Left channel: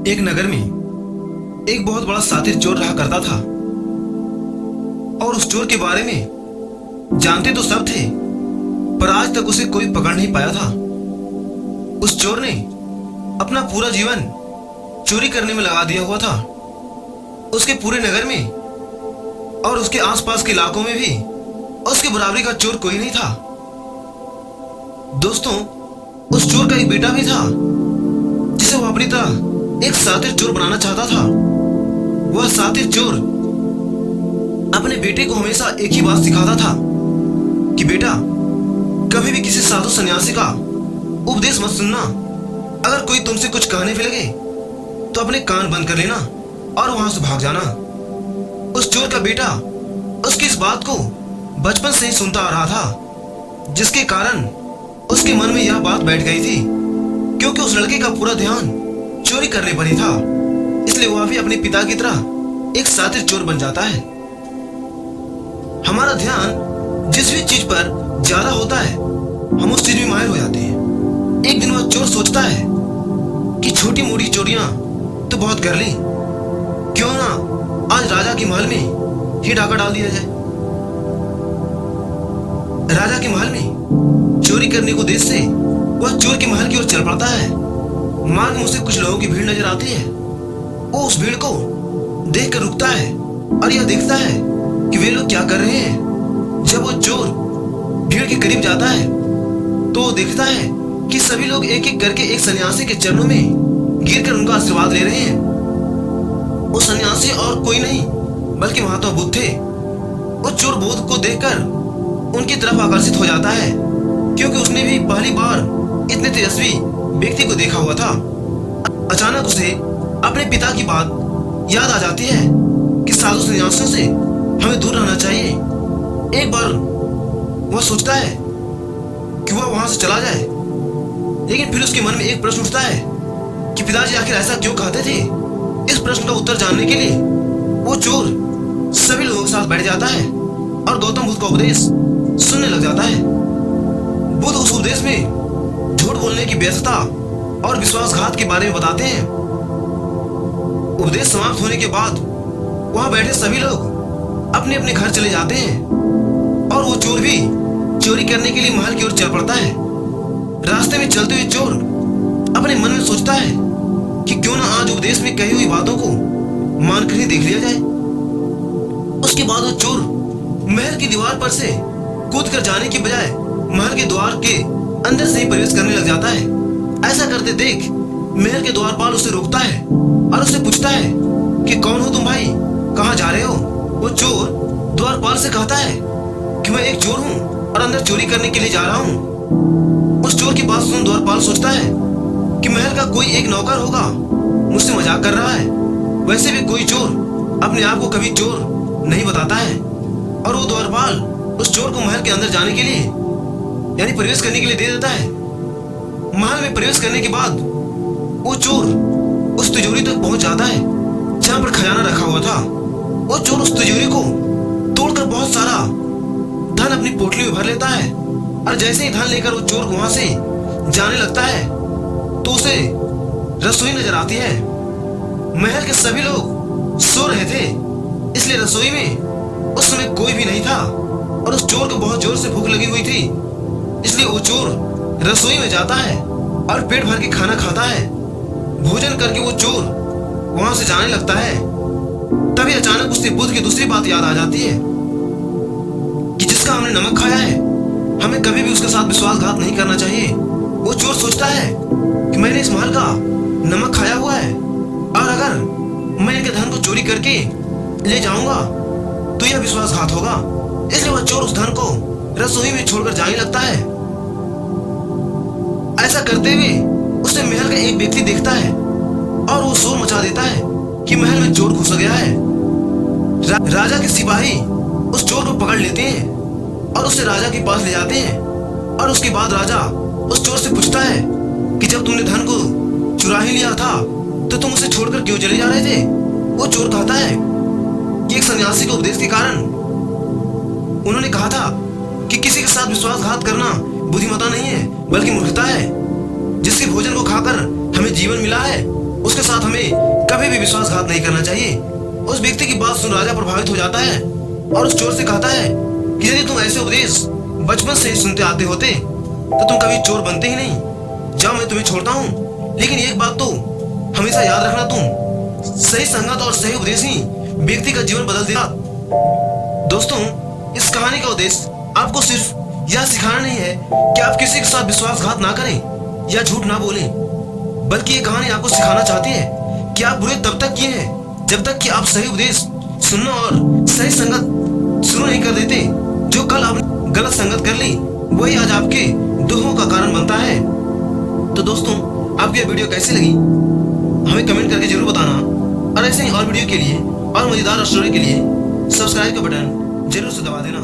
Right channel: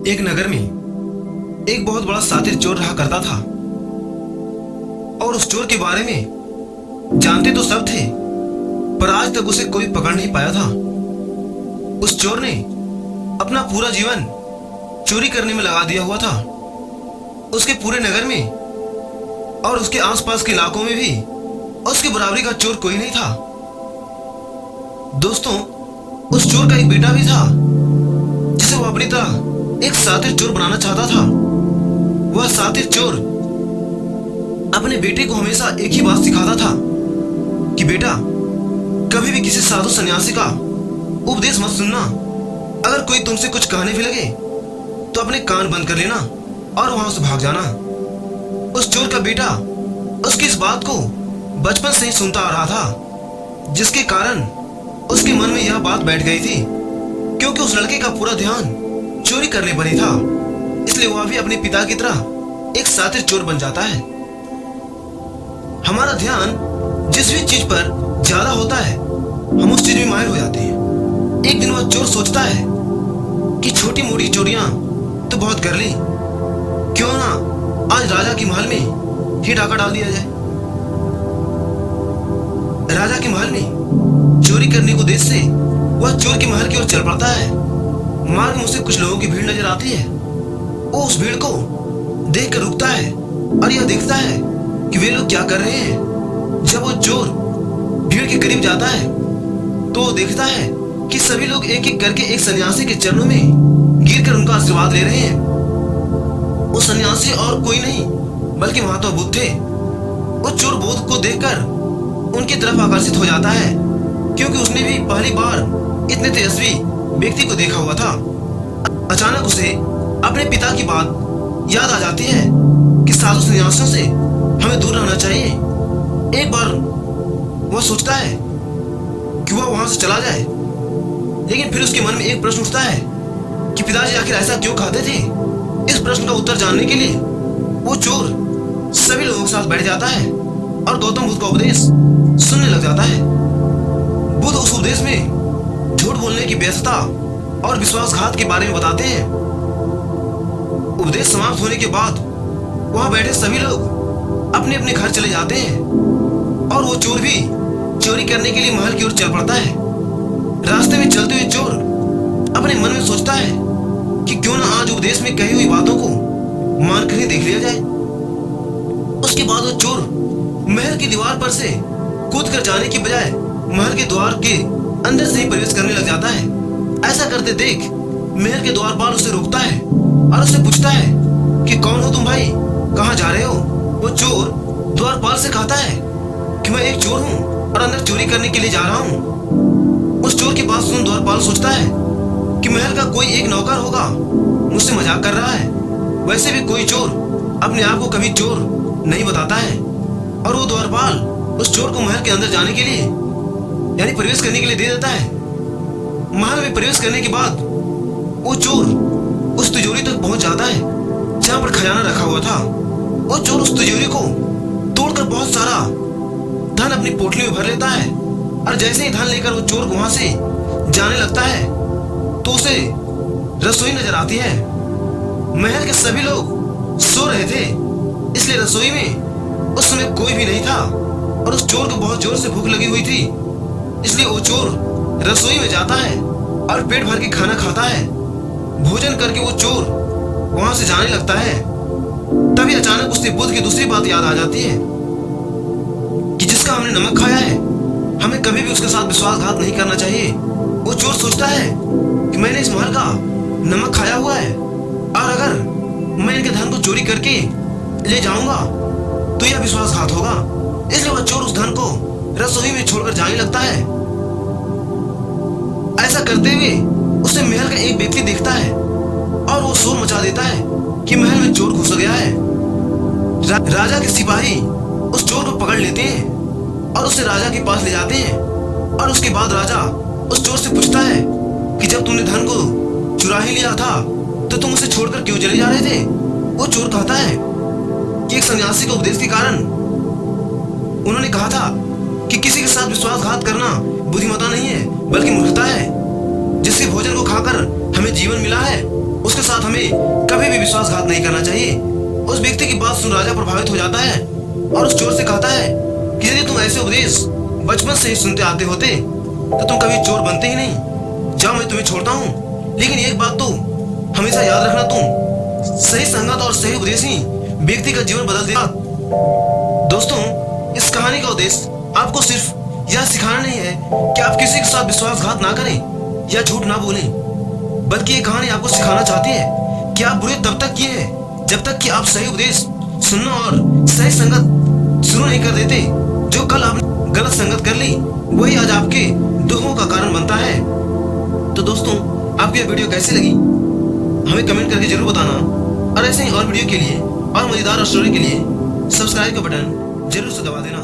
एक नगर में एक बहुत बड़ा शातिर चोर रहा करता था। और उस चोर के बारे में जानते तो सब थे, पर आज तक उसे कोई पकड़ नहीं पाया था। उस चोर ने अपना पूरा जीवन चोरी करने में लगा दिया हुआ था। उसके पूरे नगर में और उसके आसपास के इलाकों में भी उसके बराबरी का चोर कोई नहीं था। दोस्तों, उस चोर का एक बेटा भी था जिसे वो अपनी तरह एक शातिर चोर बनाना चाहता था। वह शातिर चोर अपने बेटे को हमेशा एक ही बात सिखाता था कि बेटा, कभी भी किसी साधु सन्यासी का उपदेश मत सुनना। अगर कोई तुमसे कुछ कहने भी लगे तो अपने कान बंद कर लेना और वहां से भाग जाना। उस चोर का बेटा उसकी इस बात को बचपन से ही सुनता आ रहा था, जिसके कारण उसके मन में यह बात बैठ गई थी। क्योंकि उस लड़के का पूरा ध्यान चोरी करने पर ही था, इसलिए वह भी अपने पिता की तरह एक शातिर चोर बन जाता है। हमारा ध्यान जिस भी चीज पर ज्यादा होता है, हम उस चीज में माहिर हो जाते हैं। एक दिन वह चोर सोचता है कि छोटी मोटी चोरियां तो बहुत कर ली, क्यों ना आज राजा के महल में ही डाका डाल दिया जाए। राजा के महल में चोरी करने को देश से वह चोर के महल की ओर चल पड़ता है। मार्ग में उसे कुछ लोगों की भीड़ नजर आती है। वो उस भीड़ को देखकर रुकता है और यह देखता है कि वे लोग क्या कर रहे हैं। जब वो चोर भीड़ के करीब जाता है तो वो देखता है कि सभी लोग एक एक करके एक सन्यासी के चरणों में गिरकर उनका आशीर्वाद ले रहे हैं। वो सन्यासी और कोई नहीं बल्कि महात्मा बुद्ध थे। वो चोर बुद्ध को देखकर उनकी तरफ आकर्षित हो जाता है, क्योंकि उसने भी पहली बार इतने तेजस्वी व्यक्ति को देखा हुआ था। अचानक उसे अपने पिता की बात याद आ जाती है कि साधु सन्यासियों से हमें दूर रहना चाहिए। एक बार वह सोचता है कि वह वहां से चला जाए, लेकिन फिर उसके मन में एक प्रश्न उठता है कि पिताजी आखिर ऐसा क्यों कहते थे। इस प्रश्न का उत्तर जानने के लिए वो चोर सभी लोगों के साथ बैठ जाता है और गौतम बुद्ध का उपदेश सुनने लग जाता है। बुद्ध उस उपदेश में झूठ बोलने की व्यर्थता और विश्वासघात के बारे में बताते हैं। उपदेश समाप्त होने के बाद वहां बैठे सभी लोग अपने अपने घर चले जाते हैं और वो चोर भी चोरी करने के लिए महल की ओर चल पड़ता है। रास्ते में चलते हुए चोर अपने मन में सोचता है कि क्यों ना आज उपदेश में कही हुई बातों को मानकर ही देख लिया जाए। उसके बाद वो चोर महल की दीवार पर से कूद कर जाने की बजाय महल के द्वार के अंदर से ही प्रवेश करने लग जाता है। ऐसा करते देख महल के द्वारपाल उसे रोकता है और उससे पूछता है कि कौन हो तुम भाई, कहाँ जा रहे हो। वो चोर द्वारपाल से कहता है कि मैं एक चोर हूँ और अंदर चोरी करने के लिए जा रहा हूँ। उस चोर की बात सुन द्वारपाल सोचता है कि महल का कोई एक नौकर होगा, मुझसे मजाक कर रहा है। वैसे भी कोई चोर अपने आप को कभी चोर नहीं बताता है। और वो द्वारपाल उस चोर को महल के अंदर जाने के लिए यानी प्रवेश करने के लिए दे देता है। महल में प्रवेश करने के बाद वो चोर उस तिजोरी तक पहुंच जाता है जहां पर खजाना रखा हुआ था। वो चोर उस तिजोरी को तोड़कर बहुत सारा धन अपनी पोटली में भर लेता है और जैसे ही धन लेकर वो चोर वहां से जाने लगता है तो उसे रसोई नजर आती है। महल के सभी लोग सो रहे थे, इसलिए रसोई में उस समय कोई भी नहीं था और उस चोर को बहुत जोर से भूख लगी हुई थी। इसलिए वो चोर रसोई में जाता है और पेट भर के खाना खाता है। भोजन करके वो चोर वहां से जाने लगता है। तभी अचानक उससे बुद्ध की दूसरी बात याद आ जाती है कि जिसका हमने नमक खाया है, हमें कभी भी उसके साथ विश्वासघात नहीं करना चाहिए। वो चोर सोचता है कि मैंने इस महल का नमक खाया हुआ है और अगर मैं इनके धन को चोरी करके ले जाऊंगा तो यह विश्वासघात होगा। इसलिए वह चोर उस धन को रसोई में छोड़कर जाने लगता है। ऐसा करते हुए उसे महल का एक व्यक्ति देखता है और वो शोर मचा देता है कि महल में चोर घुस गया है। राजा के सिपाही उस चोर को पकड़ लेते हैं और उसे राजा के पास ले जाते हैं। और उसके बाद राजा उस चोर से पूछता है कि जब तुमने धन को चुरा ही लिया था तो तुम उसे छोड़कर क्यों चले जा रहे थे। वो चोर कहता है कि एक सन्यासी के उपदेश के कारण उन्होंने कहा था कि किसी के साथ विश्वासघात करना बुद्धिमत्ता नहीं है बल्कि मूर्खता है। जिसके भोजन को खाकर हमें जीवन मिला है उसके साथ हमें कभी भी विश्वासघात नहीं करना चाहिए। उस व्यक्ति की बात सुन राजा प्रभावित हो जाता है और उस चोर से कहता है कि यदि तुम ऐसे उपदेश बचपन से ही सुनते आते होते तो तुम कभी चोर बनते ही नहीं। जाओ, मैं तुम्हें छोड़ता हूँ, लेकिन एक बात तो हमेशा याद रखना, तुम सही संगत और सही उपदेश ही व्यक्ति का जीवन बदल देगा। दोस्तों, इस कहानी का उद्देश्य आपको सिर्फ यह सिखाना नहीं है कि आप किसी के साथ विश्वासघात ना करें या झूठ ना बोलें, बल्कि ये कहानी आपको सिखाना चाहती है कि आप बुरे तब तक किए हैं जब तक कि आप सही उपदेश सुनना और सही संगत शुरू नहीं कर देते। जो कल आपने गलत संगत कर ली वही आज आपके दुखों का कारण बनता है। तो दोस्तों, आपको यह वीडियो कैसी लगी हमें कमेंट करके जरूर बताना, और ऐसे ही और वीडियो के लिए और मजेदार स्टोरी के लिए सब्सक्राइब का बटन जरूर से दबा देना।